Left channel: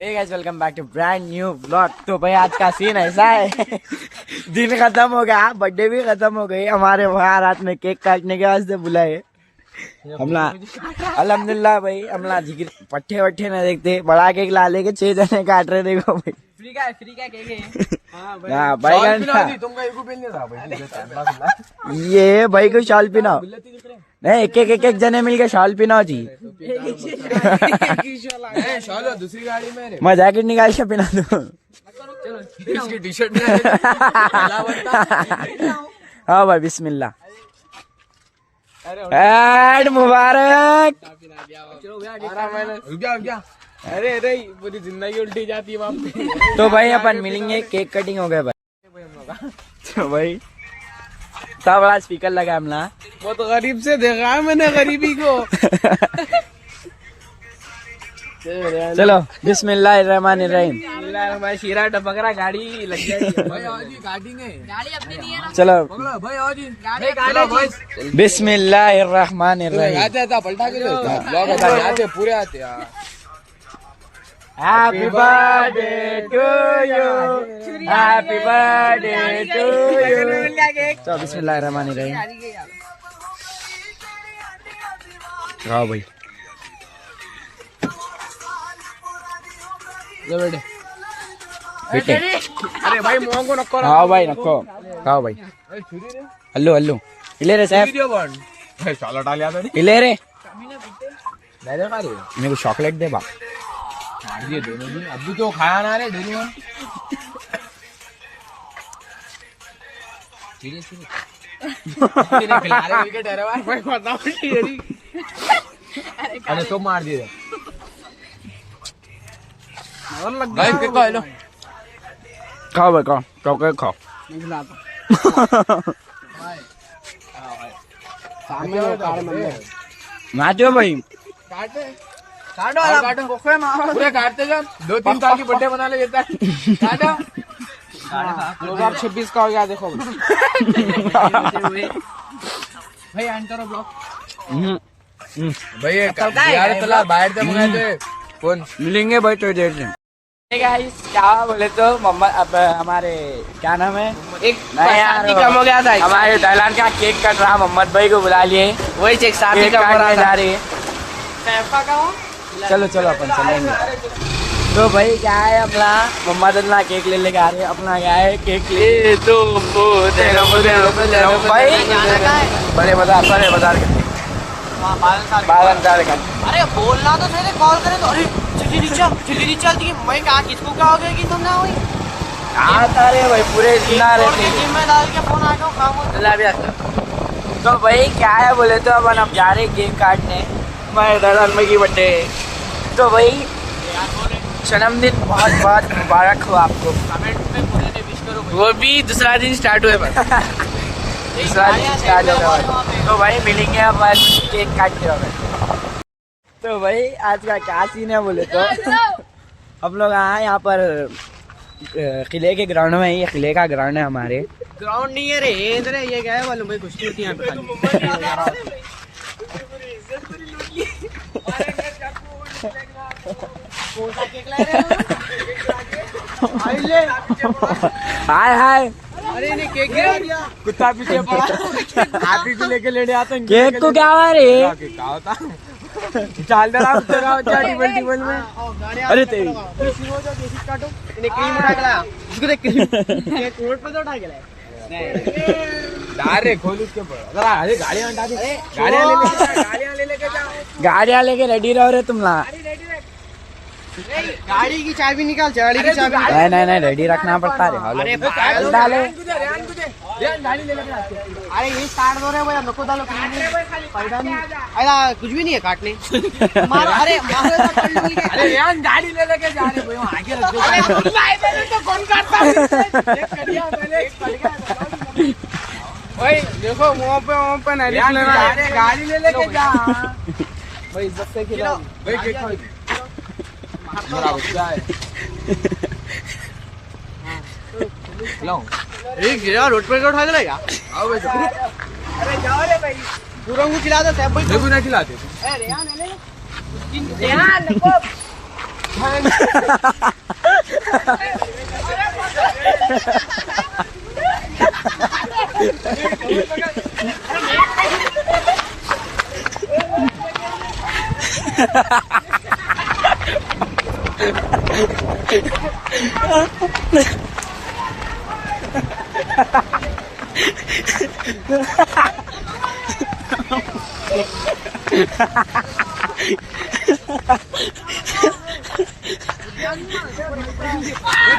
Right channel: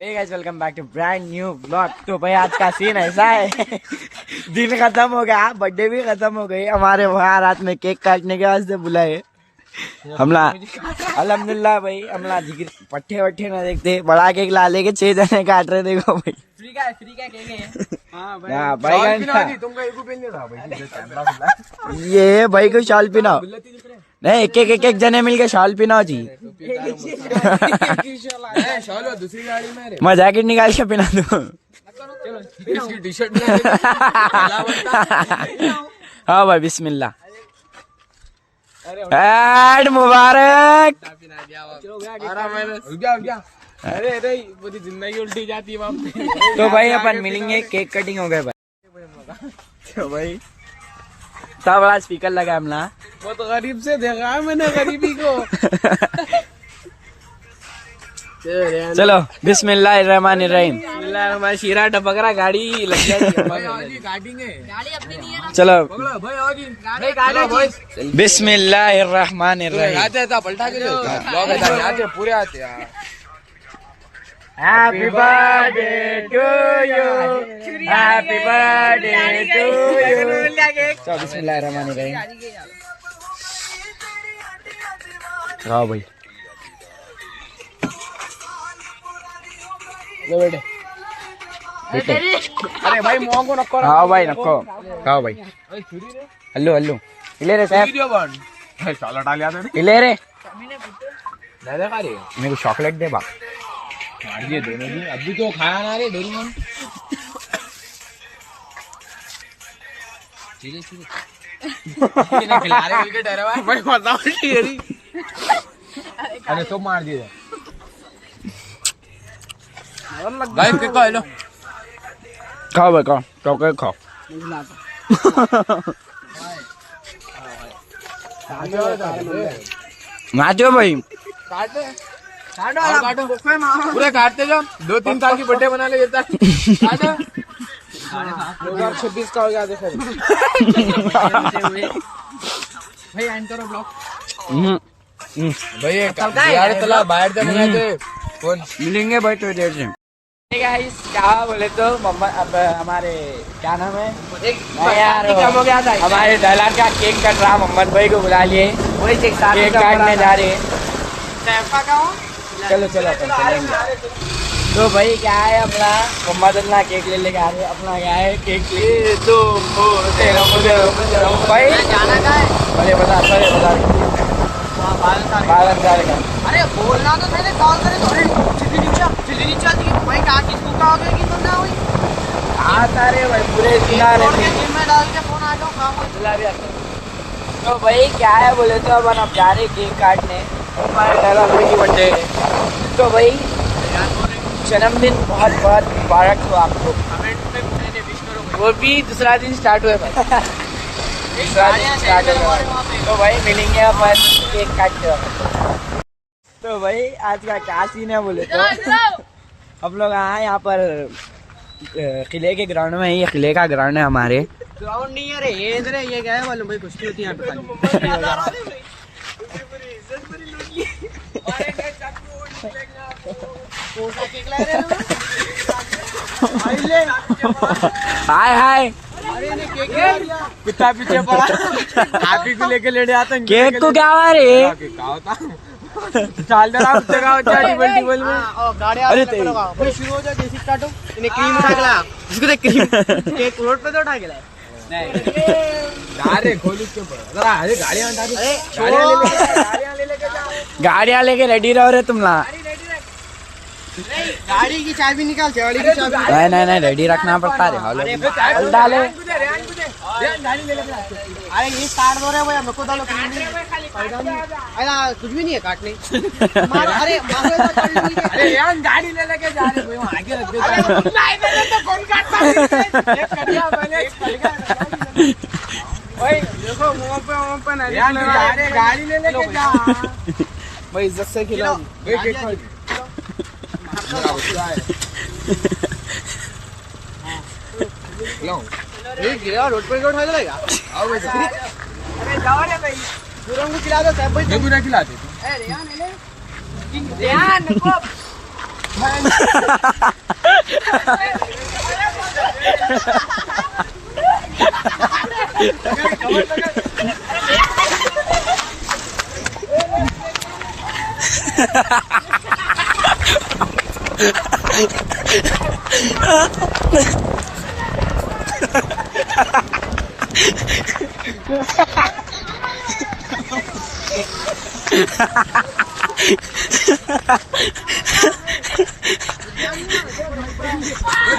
Hey guys welcome back to brand new blog. तो भाई आज का सीन ऐसा है दिन खत्म हो गया, बर्थडे भी खत्म हो गई हमारे। वहाँ रात में केक काटने के वास्ते बुलाए हमला। अल्हम्दुलिल्लाह भाई हमला पट्टे वट्टे ना देखते, बड़ा केक ला लेके 6 जने काट रहे। देखो भाई फ्री का केक है। हाँ भाई ये भाई को शाल पिनाओ नहीं, एक जने मिलके शाल पिनाओ जी। मैं जैकेट निकाल के पिना दो। हाँ भाई बिस्मिल्लाह। ऐड मुबारक। अरे पूरी जिंदगी उल्टी जाती है वहाँ पे। तो भाई अपन मिलेंगे, केक कटिंग हो गए भाई। तो भाई सब बड़ा स्पीकर लगा हमला। बहुत गरीब से देखा है मैंने गरीबी को। चलो बिस्मिल्लाहिर्रहमानिर्रहीम। हमारी शीरा टपक रहा, गाड़ी लग जाएगी। गाड़ी अपनी नहीं है। चलो भाई बिस्मिल्लाहिर्रहमानिर्रहीम। आते पलटा के पूरे आते यार। Happy birthday to you, happy birthday to you. चलो बिस्मिल्लाहिर्रहमानिर्रहीम। खाओ भाई। बेटे अरे भाई मुँह को नको। खाओ भाई, नको खाओ भाई। हल्लू हल्लू इले रे साहब, चलो डाल याद इले रे नहीं देखा रे। मेरे को चॉकलेट दे बा। मार दिए दोनों भी, अभी तो खाया ना रे दोनों। खिला रहे विकेट है भाई। भाई बताओ अरे तो मार दिए भाई। के लो खाओ भाई, खाओ चॉकलेट खाओ। नाचो भाई। काटो पूरे काटते जाओ। 2-3 साल की बर्थडे बना ले देता। काटो 26 का हो गया देखो। भाई एंड करो ब्लॉग। भाई यार चला बाहर से मंगाते कौन मिलेंगे भाई तो देख रहे। क्या बोले तो मोहम्मद, अब हमारे क्या नाम है, एक नहीं यार कम हो गया था। हमारे दलान का केक कट रहा, मोहम्मद भाई को बुला लिए, वही चेक केक काटने जा रहे। चलो चलो अपन चलेंगे। तो भाई क्या है अपना मोहम्मद अल्लाह केक ले लेके आ रहे। अपना क्या है केक भाई जाना का है बड़े बाजार का। अरे बोलना तो पहले कॉल करे तो। अरे जल्दी नीचे आती है। मैं कहा किसको कहोगे कि तुम ना हुई आता रे भाई पूरे जिंदा छोड़ के रहते। जिम में डाल के फोन आ गया काम। तो भाई क्या है बोले तो अपन अब जा रहे केक काटने हमारे दलाल भाई की बर्थडे। तो भाई जन्मदिन बहुत बहुत मुबारक हो आपको। कमेंट में पूरे ने विश करो। वो भी दूसरा दिन स्टार्ट हुए स्टार्ट होगा। तो भाई मिलेंगे अपन केक काट के। तो भाई आज का क्या सीन है बोले तो हम लोग आए यहाँ पर किले के ग्राउंड में। ये किले का ग्राउंड है हमारे। ग्राउंड नहीं है रे, इधर ये क्या है मालूम भाई, कुश्ती होती है यहाँ पे खाली। हाय हाय अरे नहीं केक कुत्ता पीछे पड़ा। हैप्पी को लेके लेने आता है। केक को क्या हुआ रे? क्या होता चाल दे रहा टेबल में। अरे तेरी शुरू हो जाए जैसे स्टार्ट हो। इन्हें क्रीम उठा के लाया, इसको देख क्रीम केक रोड पे तो उठा के लाया। नहीं खोल इसके ऊपर जरा। अरे गाड़ियां हटा दे, गाड़ियां ले लेके जा। गाड़ियां लेके रेडी रहो रे तुम ला। गाड़ी की चाबी निकाल, गाड़ी की चाबी। नहीं रेडी रखना पड़ता है। डाले गाड़ी ले लेके। अरे ये काट दो रे भाई, हमको डालो क्रीम फायदा नहीं। अरे कुछ भी नहीं है काटने। अरे यार गाड़ी ले लेके जा रहे भाई, वहां आगे रख दे। तो कौन काटता है? एक कटिया मैंने भाई देखो मुंह पे नहीं यार, गाड़ी ले लेके जा भाई। इज्जत से खिलाओ भाई केक खाओ। गिरा रोड पर उठा के लाया। आओ भाई अरे जाओ रे भाई, गुरंग को खिला दो सब भाई। ना खिलाते ध्यान नको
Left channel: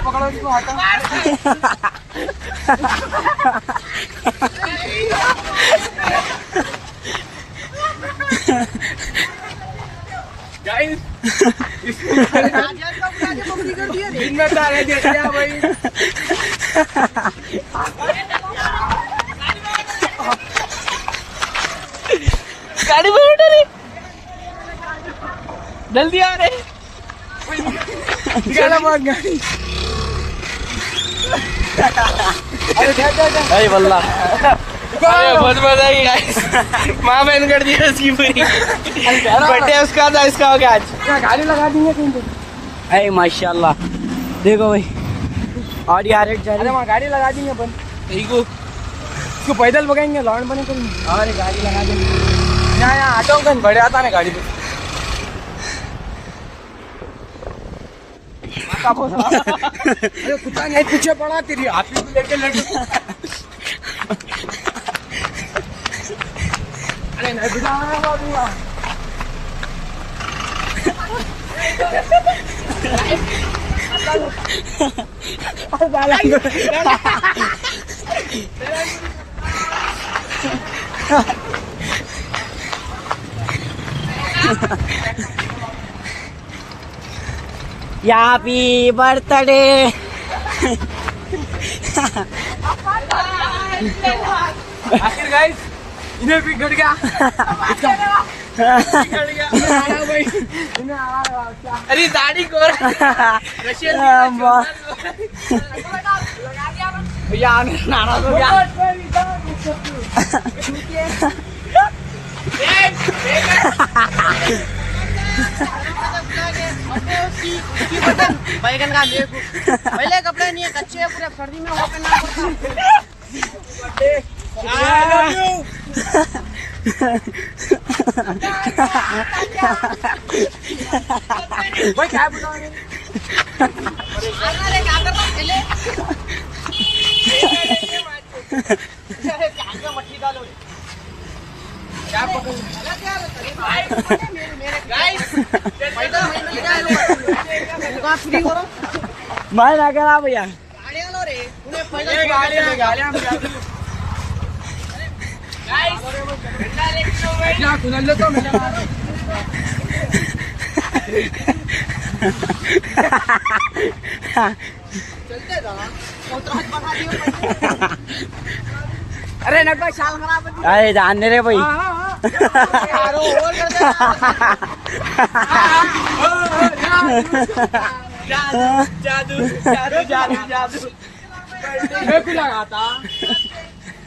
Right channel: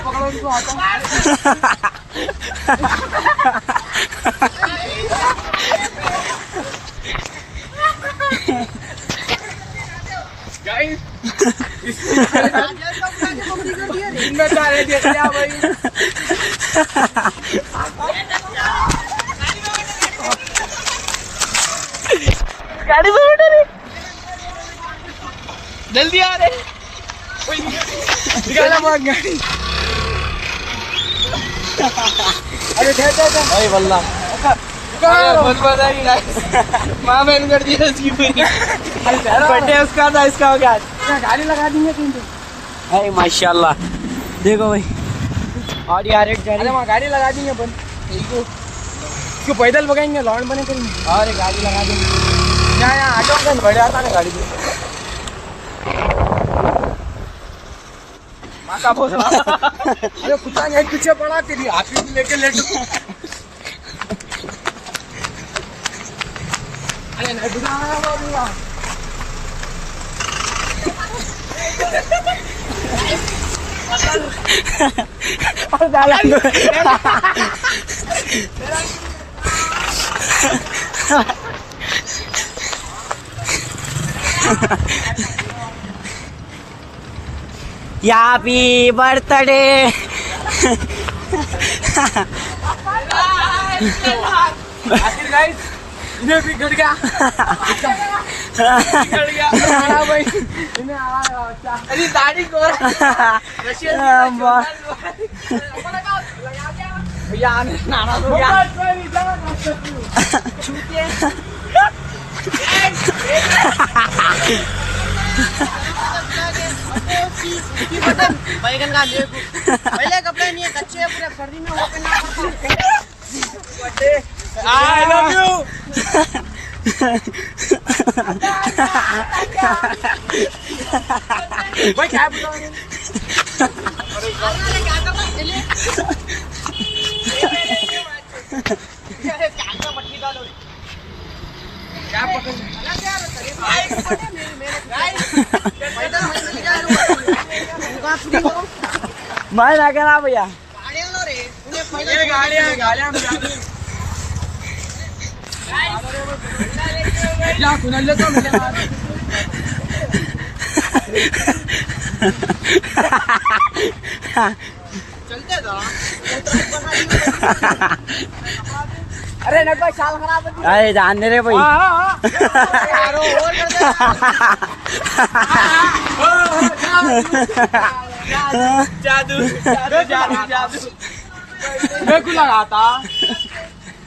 पकड़ो इसको, आता गाड़ी में बैठे रे, जल्दी आ रे, निकाला बहुत गाड़ी। अरे भाई बल्ला बहुत बधाई गाइस, माँ बहन कर दिया इसकी पूरी। बर्थडे उसका था, इसका हो गया आज। गाड़ी लगा देंगे कहीं तो। अरे माशाल्लाह देखो भाई, और यार एक अरे वहाँ गाड़ी लगा देंगे अपन, ठीक हो, इसको पैदल भगाएंगे, लॉन्ड बने करेंगे। अरे गाड़ी लगा देंगे यहाँ ऑटो कहीं बड़े आता ना गाड़ी पे। माता बोल अरे कुत्ता नहीं पीछे पड़ा, तेरी आप ही लेके लेट। अरे नहीं बिठाना बाबू यार। Happy birthday. आखिर गाइस इन्हें भी गड़ गया, गड़ गया भाई, इन्हें अरे दाढ़ी को भैया नाराज हो गया। बैगन का देखो, पहले कपड़े नहीं है, कच्चे है पूरे, सर्दी में ओपन। I love you. भाई क्या बोल रहे हैं? अरे क्या कर रहा है पहले? मछली डालो, क्या पकड़? अलग यार, मैं ना करा भैया, गाड़ियाँ क्या सुन ले तो चलते था। अरे नट भाई शाल खराब है। अरे जान दे रे भाई। जादू जादू जादू जादू मैं को लगाता,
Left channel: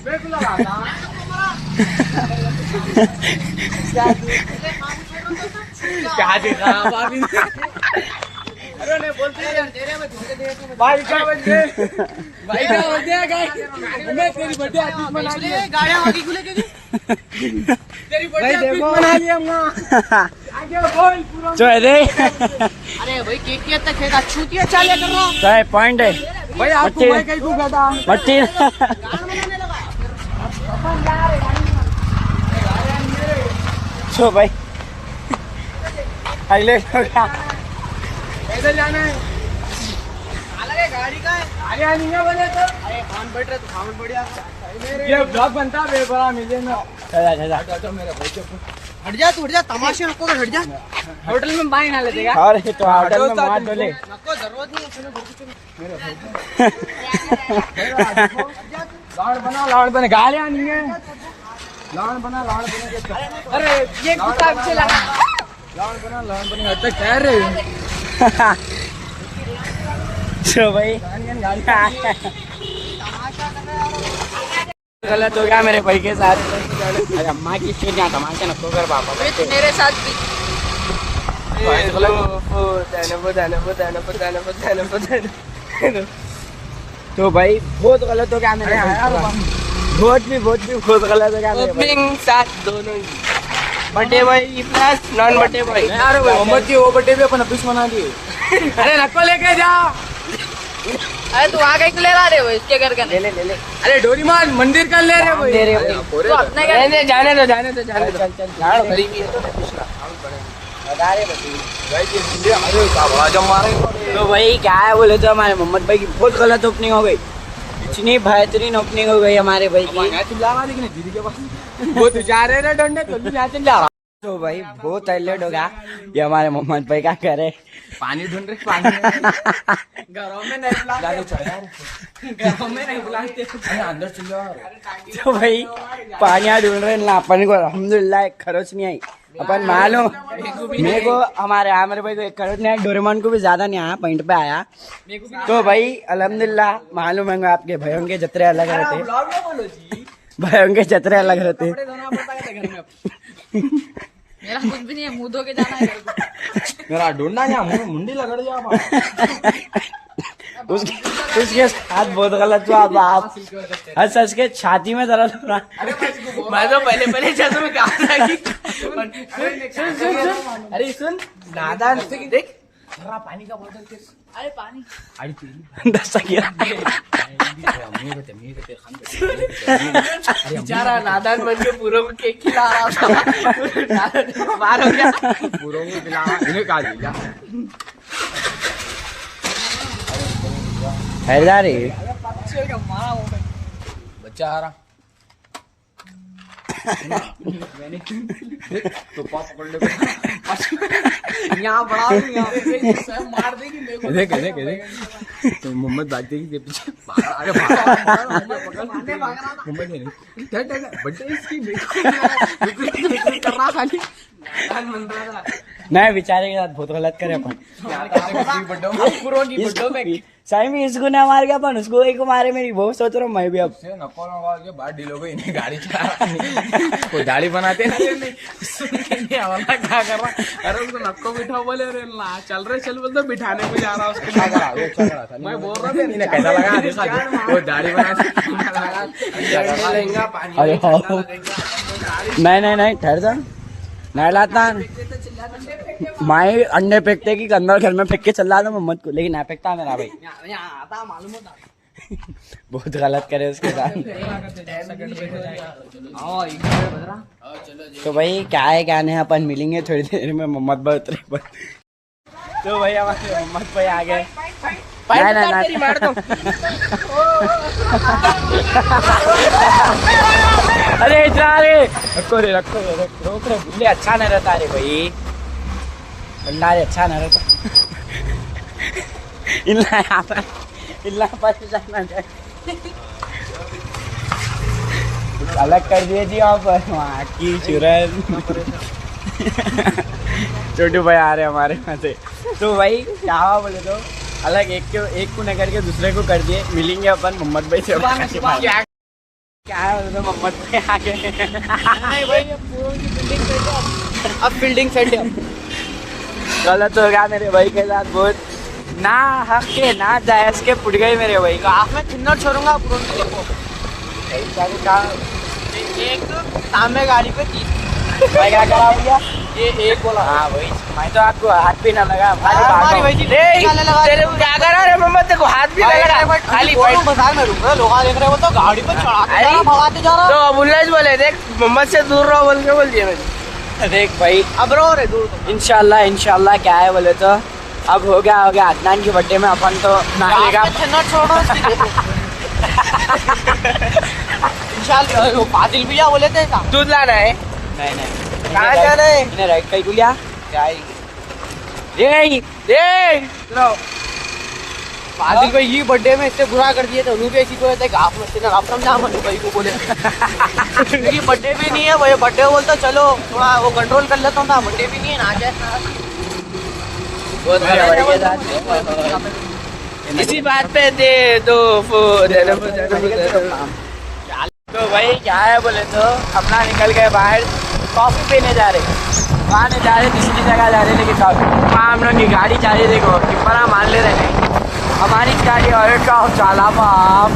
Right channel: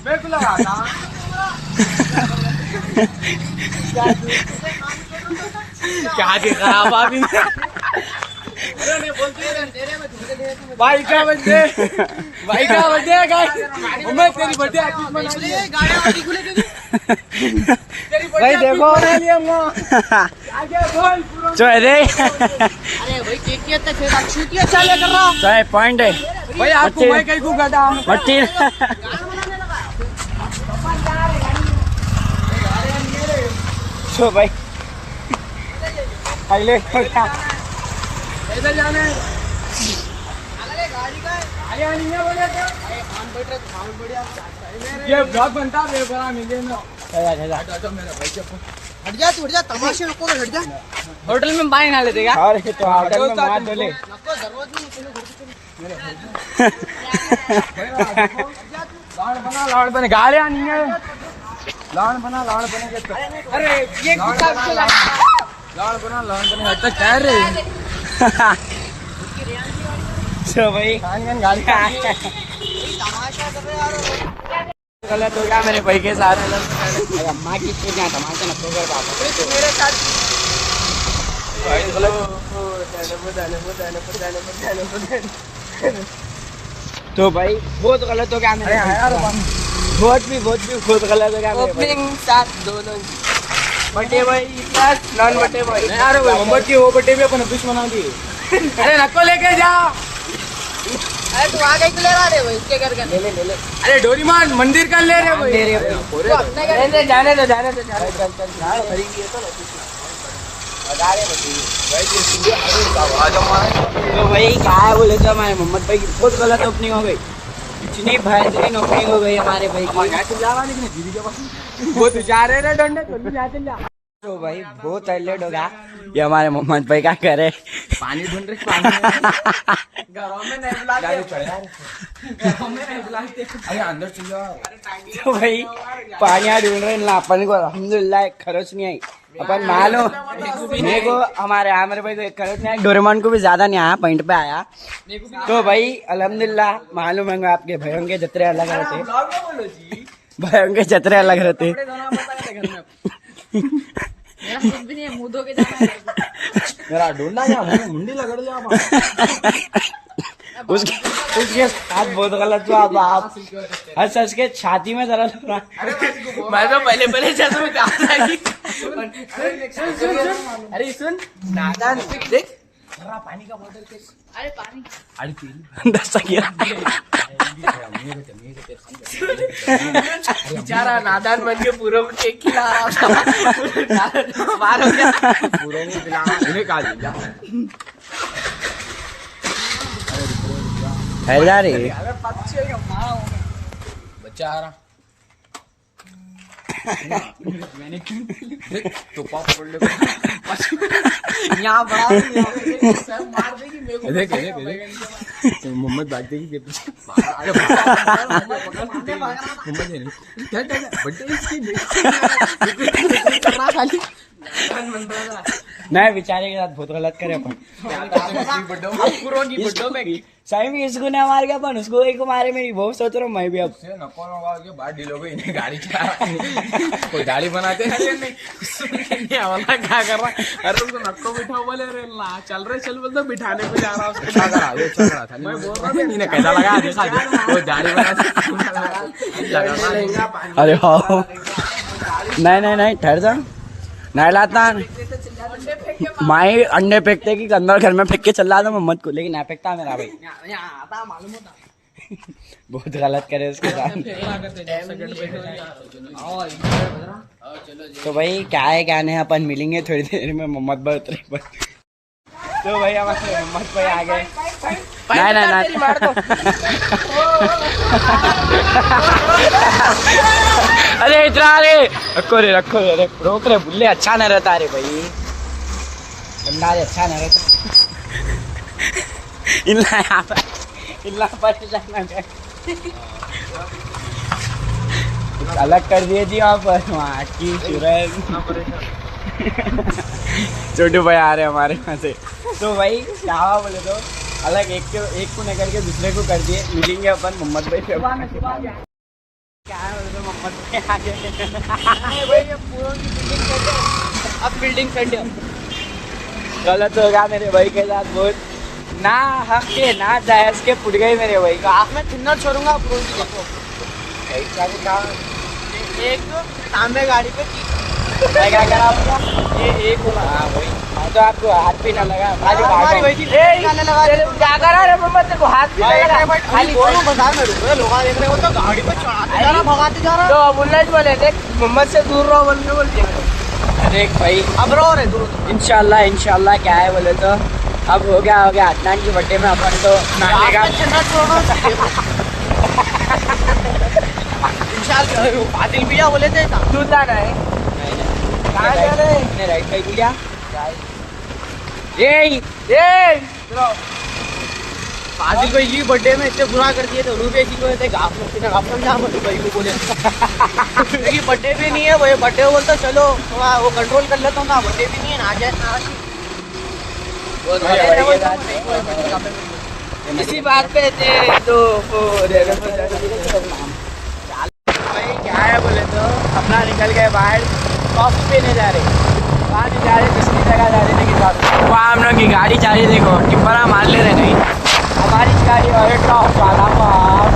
मैं को लगाता क्या देखा भाभी ने? अरे नहीं बोलते भाई क्या बंदे, भाई क्या बंदे गाइस, मैं तेरी बर्थडे आज मना ली, गाड़ियां आगे खुले क्यों? तेरी भाई देखो बना लिया हम आगे बोल पूरा। जो है रे, अरे भाई केक की तक खेता छूतिया चाले कर रहा तो है पॉइंट है भाई, आपको मैं कहीं को गधा मट्टी। तो भाई अगले को क्या पैदल जाना है? गाड़ी का है, गाड़ी नहीं है बने तो खान बैठ रहे तो खान बढ़िया। ये ब्लॉग बनता है बड़ा मिले में। जा मेरे भाई के हट जा, तू हट जा, तमाशे आपको हट जा। होटल में बाई ना ले देगा और ये तो होटल में मार डोले। नको जरूरत नहीं है लॉन्ड बने, गाड़ियां नहीं है, लॉन्ड बना के तो। अरे ये कुत्ता चला लॉन्ड बना तो कह रहे हैं। तो भाई गाड़ी गलत हो गया मेरे भाई के साथ। अरे अम्मा की चीज यहाँ तमाशा न तो कर पापा मेरे साथ भाई गलत तो भाई बहुत गलत हो गया मेरे यार, बहुत भी बहुत गलत हो गया मेरे भाई। ओपनिंग साथ दोनों बटे भाई प्लस नॉन बटे भाई। यार मोहम्मद की वो बटे भी अपन अभी बना दिए। अरे नको लेके जा। अरे तू आगे क्यों ले रहा रे भाई, इसके करके ले ले। अरे डोरीमान मंदिर कर ले रे भाई। नहीं जाने दो तो भाई क्या है बोले तो हमारे मोहम्मद भाई की बहुत गलत ओपनिंग हो गई, इतनी बेहतरीन ओपनिंग हो गई हमारे भाई की। चिल्ला रहा लेकिन दीदी के पास वो तू जा रहे डंडे तो भी यहाँ चिल्ला रहा। तो भाई बहुत हाईलाइट हो गया ये हमारे मोहम्मद भाई क्या करे। पानी ढूंढ रहे पानी घरों में नहीं बुलाते अरे अंदर चल जाओ। तो भाई पानी ढूंढ रहे ना अपन को, अल्हम्दुलिल्लाह एक खरोच नहीं आई। अपन मालूम मेरे को हमारे आमिर भाई को एक खरोच नहीं आई, डोरेमोन को भी ज्यादा नहीं आया, पॉइंट पे आया। तो भाई अल्हम्दुलिल्लाह मालूम है आपके भाइयों के जतरे अलग रहते, भाइयों के जतरे अलग रहते। मेरा कुछ भी नहीं है, मुंह धो के जाना है। मेरा ढूंढना यहाँ मुंडी लगड़ जा उसके साथ बहुत गलत हुआ। अब आप हंस हंस के छाती में दर्द हो रहा। मैं तो पहले जैसे में कहा था कि अरे सुन नादान देख पानी का बोतल अरे पानी बेचारा नादान बन के पूरों को केक खिला रहा था। बाहर हो गया पूरों को खिला इन्हें कहा दिया हैदर रे बच्चा आ रहा तो पाप पड़ ले यहाँ बड़ा मार देगी मेरे को। देख तो मोहम्मद भाग देगी के पीछे। अरे खाली नहीं बेचारे के साथ बहुत गलत करे अपन। सही में इसको ना मार गया अपन उसको एक मारे मेरी बहुत सोच रहा हूँ मैं भी। अब बाहर डील हो गई गाड़ी चला गाड़ी बनाते नहीं क्या कर रहा। अरे उसको नक्को बिठा बोले रे ला चल रहे चल बोलते बिठाने को जा रहा उसको मैं बोल रहा था कैसा लगा वो दाढ़ी बना। अरे हाँ नहीं ठहर जा नहीं लाता माई अंडे फेंकते कि अंदर घर में फेंक के चल रहा था मोहम्मद को, लेकिन नहीं फेंकता मेरा भाई। आता मालूम होता बहुत गलत करे उसके साथ। तो भाई क्या है क्या नहीं अपन मिलेंगे थोड़ी देर में मोहम्मद भाई उतरे पर। तो भाई हमारे मोहम्मद भाई आ गए। अरे इतना रे रखो रे रोक रे बुल्ले अच्छा नहीं रहता रे भाई, बंदा रे अच्छा नहीं रहता। इल्ला पर जाना अलग कर दिए जी यहाँ पर वहाँ की सूरज। छोटू भाई आ रहे हमारे वहाँ से। तो भाई क्या हुआ बोले तो अलग एक को न करके दूसरे को कर दिए। मिलेंगे अपन मोहम्मद भाई से। क्या है मोहम्मद भाई आ गए। अब फील्डिंग सेट गलत हो गया मेरे भाई के साथ बहुत, ना हक के ना जायज के पुट गए मेरे भाई का। आप मैं थिन्नर छोड़ूंगा पूरों को। देखो एक तांबे गाड़ी पे 30 क्या करा भैया ये एक बोला। हाँ भाई मैं तो आपको हाथ भी ना लगा हमारी भाई जी निकालने लगा क्या करा रे मोहम्मद तेरे को हाथ भी लगा बट खाली बोलूं बाजार में रुक रहे लोग देख रहे हो तो गाड़ी पे चढ़ाते जा रहा भगाते जा रहा। तो बुल्लेज बोले देख मोहम्मद से दूर रहो बोल के बोल दिया मैंने। देख भाई अब रो रे दूर इंशाल्लाह क्या है बोले तो अब हो गया अदनान की बर्थडे में अपन तो नहाएगा। छोड़ो इंशाल्लाह पादिल भी जा बोले थे तू जाना है कहाँ जाना है राइट कहीं बोलिया पादिल भाई ये बर्थडे में इससे बुरा कर दिए थे उन्होंने ऐसी को गाफ में गाफ समझा मनु भाई को बोले क्योंकि बर्थडे भी नहीं है वो बर्थडे बोलता चलो थोड़ा वो कंट्रोल कर लेता हूँ बर्थडे भी नहीं है ना जाए इसी बात पे दे दो तो भाई क्या है बोले तो अपना निकल गए बाहर कॉफी पीने जा रहे। वहाँ नहीं जा रहे, दूसरी जगह जा रहे, लेकिन वहाँ हम लोग की गाड़ी जा रही, देखो टिप्परा मान ले रहे हैं हमारी गाड़ी। और का चाला बाप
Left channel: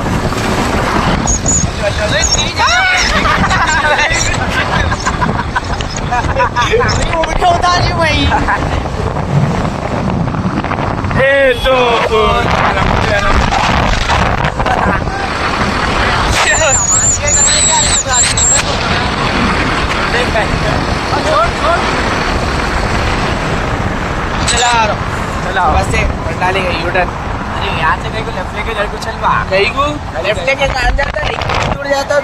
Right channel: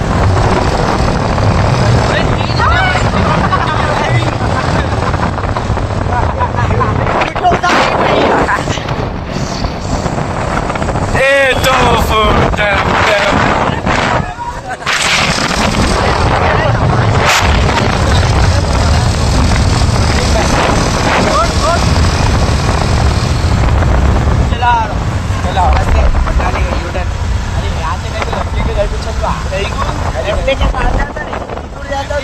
चला बस पलटाने का यूटर्न। अरे यहाँ से कहीं को लेफ्ट लेके घर को चल कहीं को लेफ्ट लेके जाता नहीं, दूर जाता